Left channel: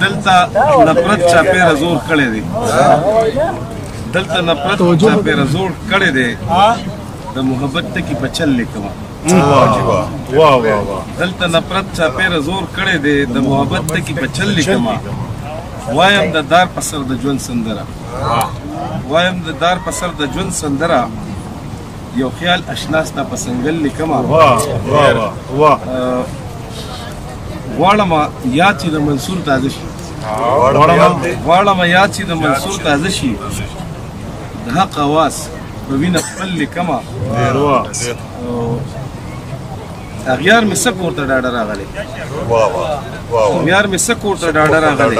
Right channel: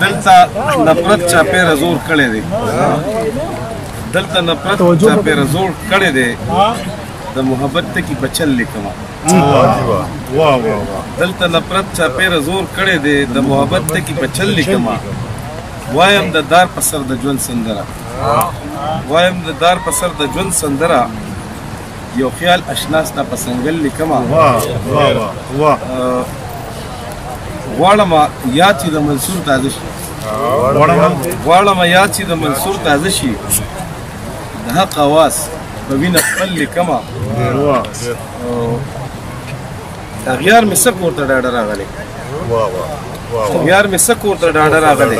دلته نفرت چاپیره زور کړی دی دلته نفرت چاپیره زور کړی دی د محبت ټکي په چل لیکمه دلته نفرت چاپیره زور کړی دی د محبت ټکي په چل لیکمه وایم د دار په سر د ژوند سندره وایم د دار په سر د ژوند سندره یو خیال اشناس نه پسنګل لیکمه غواړم یاد چې د منصور تازه شي غواړم یاد چې د منصور تازه شي د حق اواز په وینه خپل لیکمه اغیار مې څه کور ته ډاډه راغلی اغیار مې څه کور ته ډاډه راغلی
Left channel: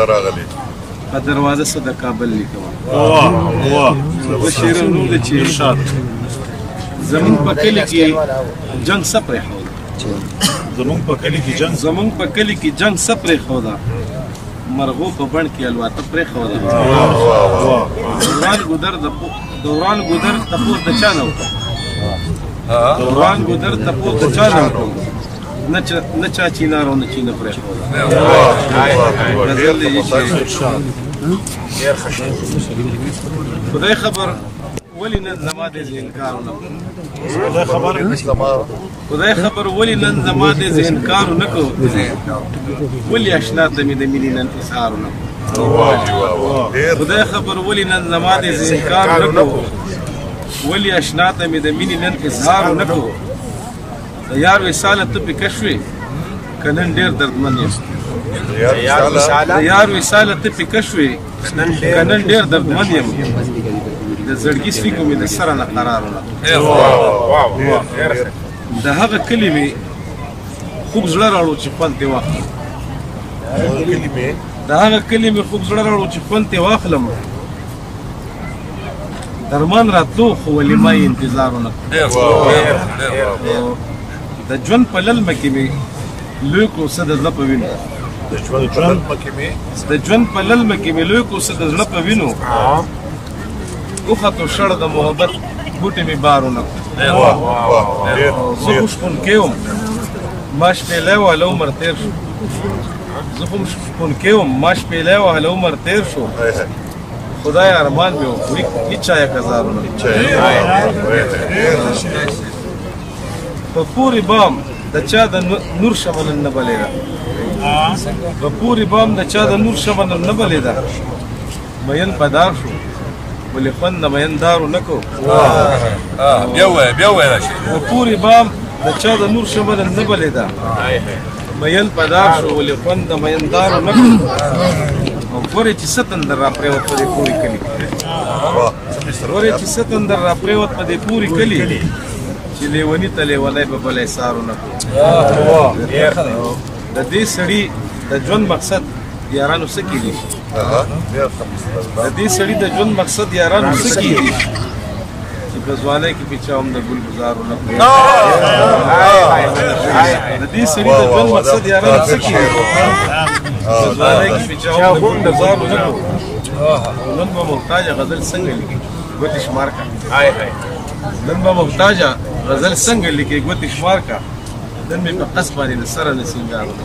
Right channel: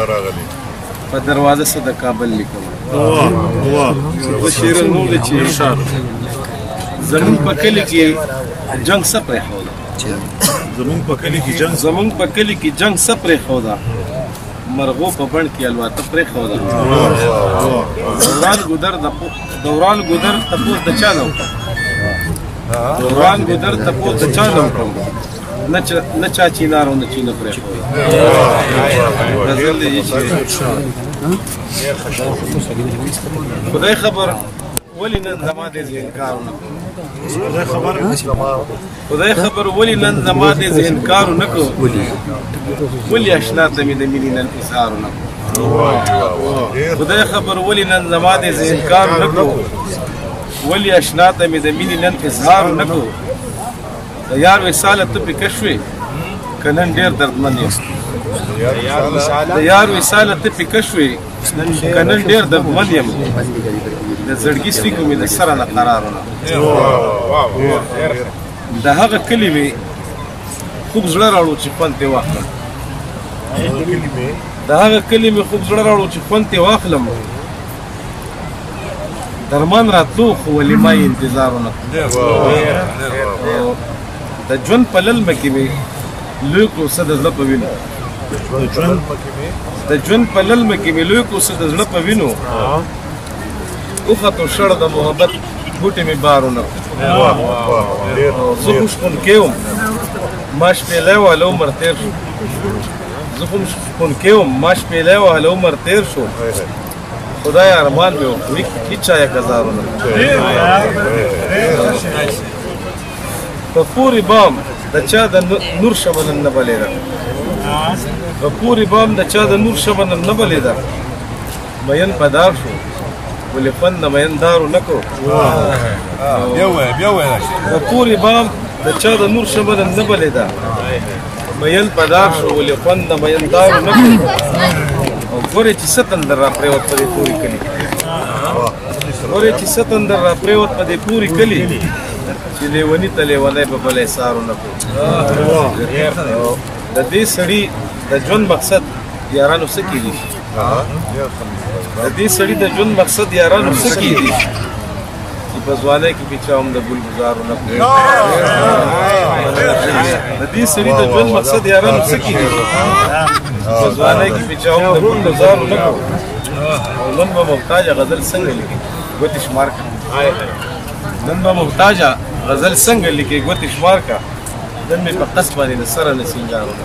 په دروازه څه د کابل لیکمه زه شعر نور دی چې زمونږ په کلي کې جنګ څه پرېښوده زمونږ په کلي کې جنګ څه پرېښوده مرغو په بڼ کې الواته پرېښوده دوران ګودر تپوس د چا نه وکړم دوران ګودر تپوس د چا نه وکړم نه چا چینار او نه چینه پرېښوده غزل دی چې خدای خبر ولی نن زما دې انکار نه خدای خبر ولی نن زما دې انکار نه کو ولی اشنا ته مې د مینې نن اظهار نه کو خدای خبر ولی نن زما دې انکار نه کو ولی اشنا ته مې د مینې نن اظهار نه کو د یار وصال ته په کشوي کنن ډیر دردمن یم د یار وصال ته په کشوي کنن ډیر دردمن یم د زړګي سړي مې د سره نه قرارونه د هغه کلي مې خوږ زړه راوړو چې خوند ترې واخلم د هغه کلي مې خوږ زړه راوړو چې خوند ترې واخلم درمان راتلو خو ولې ما یې انتظار ونه د ژوند په للمه کې مې لوی کړو څه د زړه په وینو د ژوند په للمه کې مې لوی کړو څه د زړه په وینو اوخه شړ د محبت بوټي مې بارونه زه خو شپونکی وم ما شپېلی وهله عمر تېر شو زه خو شپونکی وم ما شپېلی وهله عمر تېر شو خدای ارمان مې و خو هېچ چا یې ګزارونه په پورې بام د چا د نور شمه نن نه بلېده په پورې بام د چا د نور شمه نن نه بلېده مین په دار شو ولې خوند د میندارو نه کو په پورې بام د چا د نور شمه نن نه بلېده مین په دار شو ولې خوند د میندارو نه کو او ګورې چې څه تندر را پرېوت په دې پورې کلي ګورې چې څه تندر را پرېوت په دې پورې کلي چې لیوني ته لیونی به بلی سارو نه کو د دې سړي د ژوند مقصد یارانو څه کیدی شي د دې سړي د ژوند مقصد یارانو څه کیدی شي چې په ځوانۍ کې پې چا هم د ګل ګزارو نه کړو د دې سړي د ژوند مقصد یارانو څه کیدی شي په ځوانۍ کې پې چا هم د ګل ګزارو نه کړو او نن به محتاجه غزل څنګه لیکي ګوتې شمار کا نن به محتاجه غزل څنګه لیکي ګوتې شمار کا نن مې په قص باندې د سره نه سینګارونه